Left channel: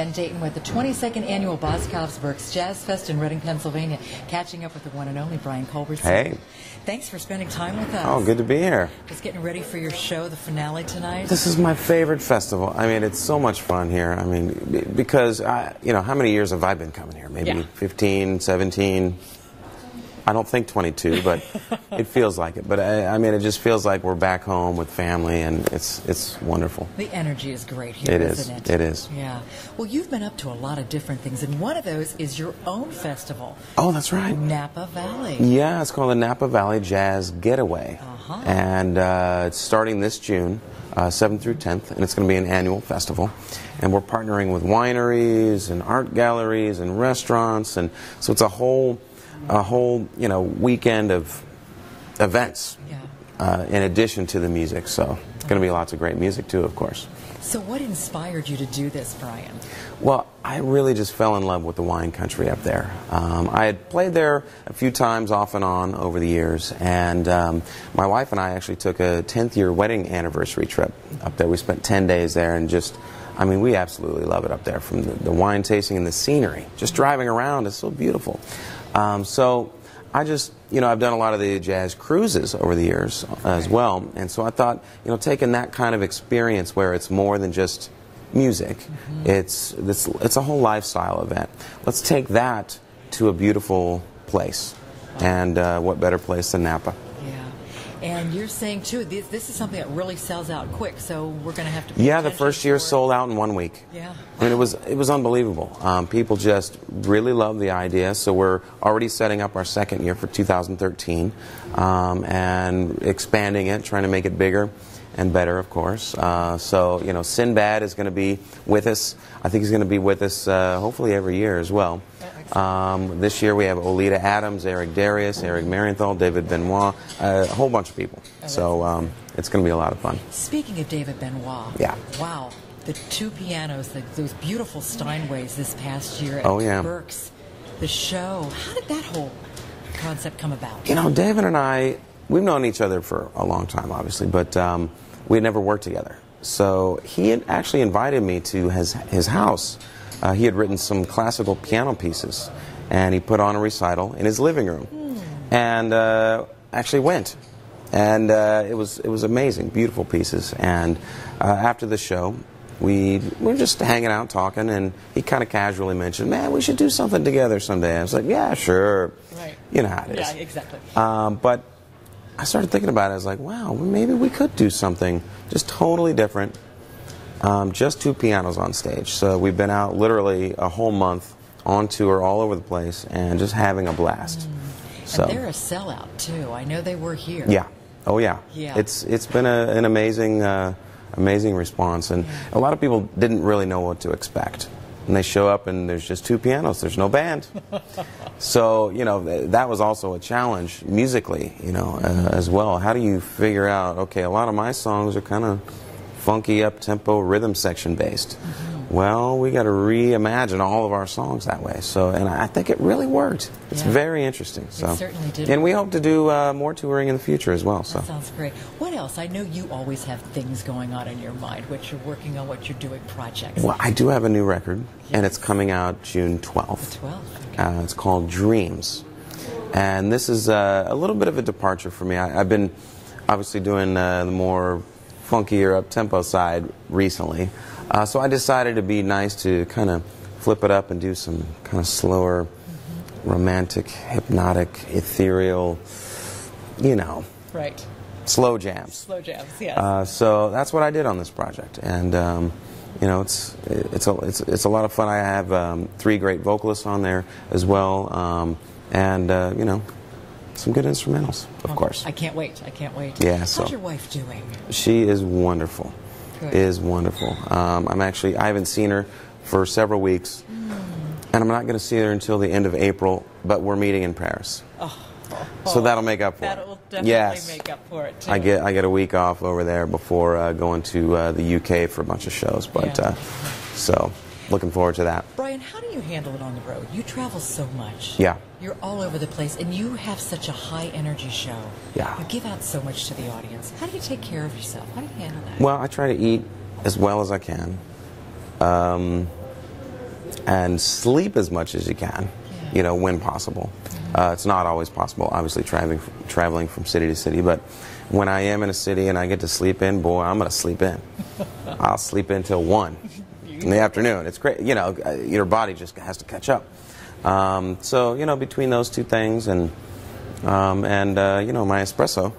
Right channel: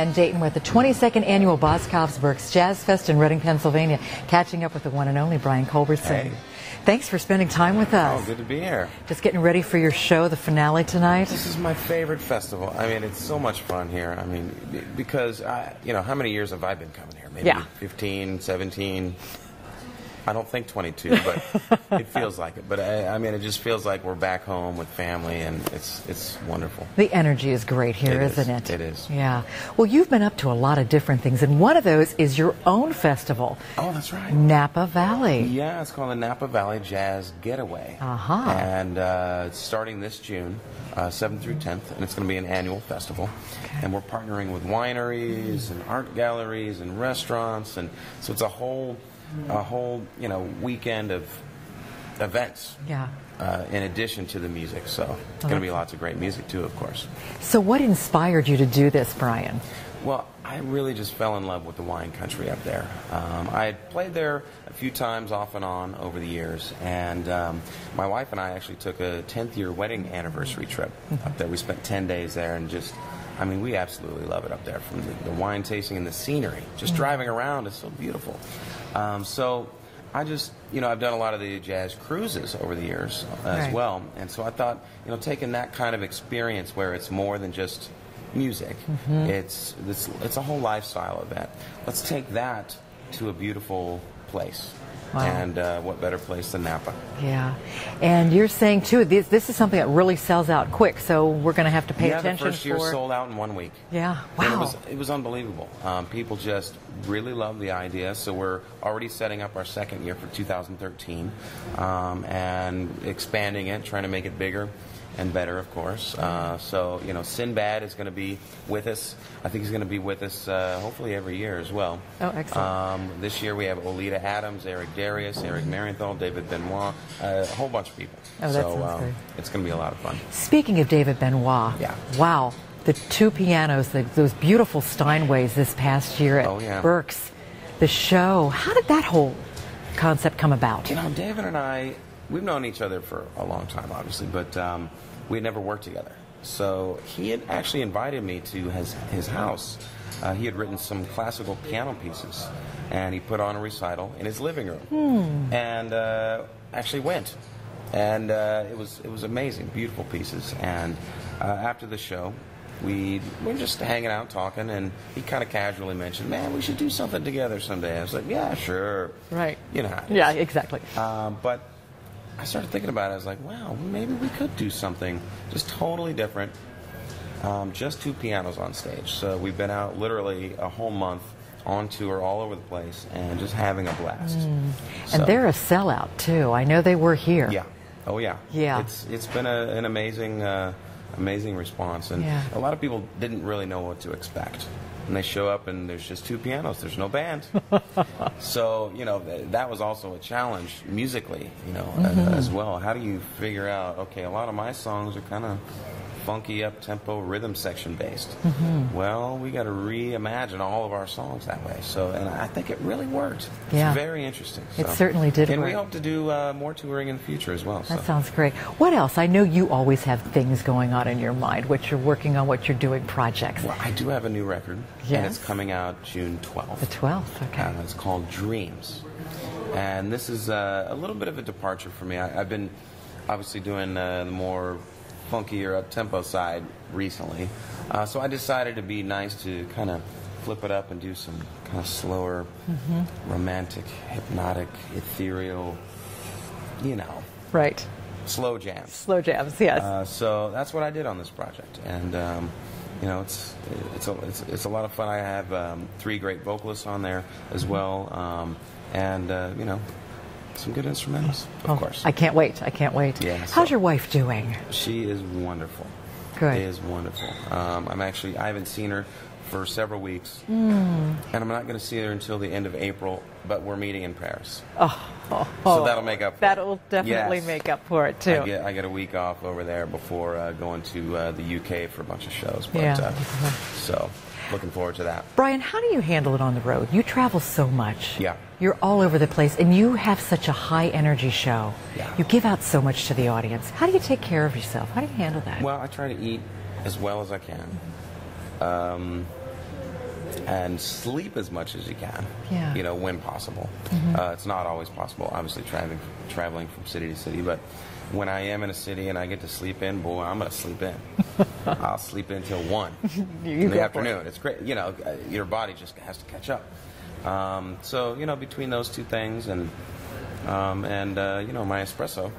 Diane Dayton with the 22nd Annual Boscov's Berks Jazz Fest in Reading, Pennsylvania, catching up with the one and only BrianCulbertson. Hey. Thanks for spending time with us. Oh, good to be here. Just getting ready for your show, the finale tonight. This is my favorite festival. I mean, it's so much fun here. I mean, because, you know, how many years have I been coming here? Maybe 15, 17. I don't think 22, but it feels like it. But I mean, it just feels like we're back home with family, and it's wonderful. The energy is great here, isn't it? It is. Yeah. Well, you've been up to a lot of different things, and one of those is your own festival. Oh, that's right. Napa Valley. Yeah, it's called the Napa Valley Jazz Getaway. And it's starting this June, 7th through 10th, and it's going to be an annual festival. And we're partnering with wineries and art galleries and restaurants, and so it's a whole weekend of events. Yeah. In addition to the music, so it's going to be lots of great music too, of course. So what inspired you to do this, Brian? Well, I really just fell in love with the wine country up there. I had played there a few times off and on over the years, and my wife and I actually took a 10th-year wedding anniversary trip up there. We spent 10 days there, and just, I mean, we absolutely love it up there, from the wine tasting and the scenery. Just driving around is so beautiful. So I just, you know, I've done a lot of the jazz cruises over the years as well, and so I thought, you know, taking that kind of experience where it's more than just music, it's a whole lifestyle event. Let's take that to a beautiful place. Wow. And what better place than Napa? Yeah. And you're saying, too, this is something that really sells out quick, so we're going to have to pay attention. Yeah, the first year sold out in 1 week. Yeah. Wow. I mean, it was unbelievable. People just really love the idea, so we're already setting up our second year for 2013 and expanding it, trying to make it bigger and better, of course. So, you know, Sinbad is going to be with us. I think he's going to be with us hopefully every year as well. Oh, excellent. This year we have Olita Adams, Eric Darius, Eric Marienthal, David Benoit, a whole bunch of people. Oh, so it's going to be a lot of fun. Speaking of David Benoit, wow, the two pianos, those beautiful Steinways this past year at Berks, the show, how did that whole concept come about? You know, David and I, we've known each other for a long time, obviously, but we had never worked together. So he had actually invited me to his house. He had written some classical piano pieces, and he put on a recital in his living room, and actually went. And it was amazing, beautiful pieces. And after the show, we were just hanging out, talking, and he kind of casually mentioned, "Man, we should do something together someday." I was like, "Yeah, sure." Right. You know how it is. Yeah, exactly. But I started thinking about it. I was like, wow, maybe we could do something just totally different. Just two pianos on stage. So we've been out literally a whole month on tour all over the place and just having a blast. And they're a sellout, too. I know they were here. Yeah. Oh, yeah. Yeah. It's been an amazing, amazing response. And a lot of people didn't really know what to expect. And they show up and there's just two pianos, there's no band. So, you know, that was also a challenge musically, you know, as well. How do you figure out, okay, a lot of my songs are kind of funky, up-tempo, rhythm section based. Well, we got to reimagine all of our songs that way. So, and I think it really worked. It's very interesting. So. It certainly did. And we hope to do more touring in the future as well. That sounds great. What else? I know you always have things going on in your mind, what you're working on, what you're doing, projects. Well, I do have a new record, and it's coming out June 12th. The 12th, okay. It's called Dreams. And this is a little bit of a departure for me. I've been obviously doing the more funkier up-tempo side recently. So I decided it'd be nice to kind of flip it up and do some kind of slower, romantic, hypnotic, ethereal, you know. Right. Slow jams. Slow jams, yes. So that's what I did on this project. And, you know, it's a lot of fun. I have 3 great vocalists on there as well. You know, some good instrumentals, of course. I can't wait. I can't wait. Yeah, How's your wife doing? She is wonderful. Good. Is wonderful. I haven't seen her for several weeks, and I'm not going to see her until the end of April, but we're meeting in Paris. So that'll make up for it. That'll definitely make up for it, too. I get a week off over there before going to the UK for a bunch of shows, but so looking forward to that. Brian, how do you handle it on the road? You travel so much. Yeah. You're all over the place, and you have such a high-energy show. Yeah. You give out so much to the audience. How do you take care of yourself? How do you handle that? Well, I try to eat as well as I can. and sleep as much as you can, you know, when possible. It's not always possible, obviously, traveling from city to city, but when I am in a city and I get to sleep in, boy, I'm going to sleep in. I'll sleep in till 1 in the afternoon. It's great. You know, your body just has to catch up. So, you know, between those two things and you know, my espresso,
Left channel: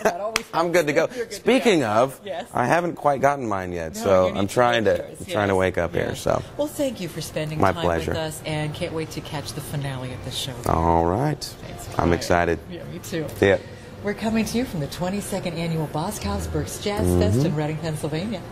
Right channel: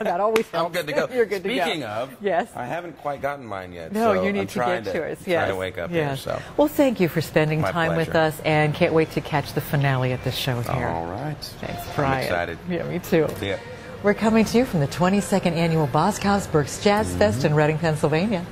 that always helps. I'm good to go. Good Speaking to go. of, yes. I haven't quite gotten mine yet, no, so you need I'm trying to wake up here. So, well, thank you for spending time with us, and can't wait to catch the finale at this show here. All right. Thanks, I'm excited. Yeah, me too. Yeah. We're coming to you from the 22nd annual Boscov's Berks Jazz Fest in Reading, Pennsylvania.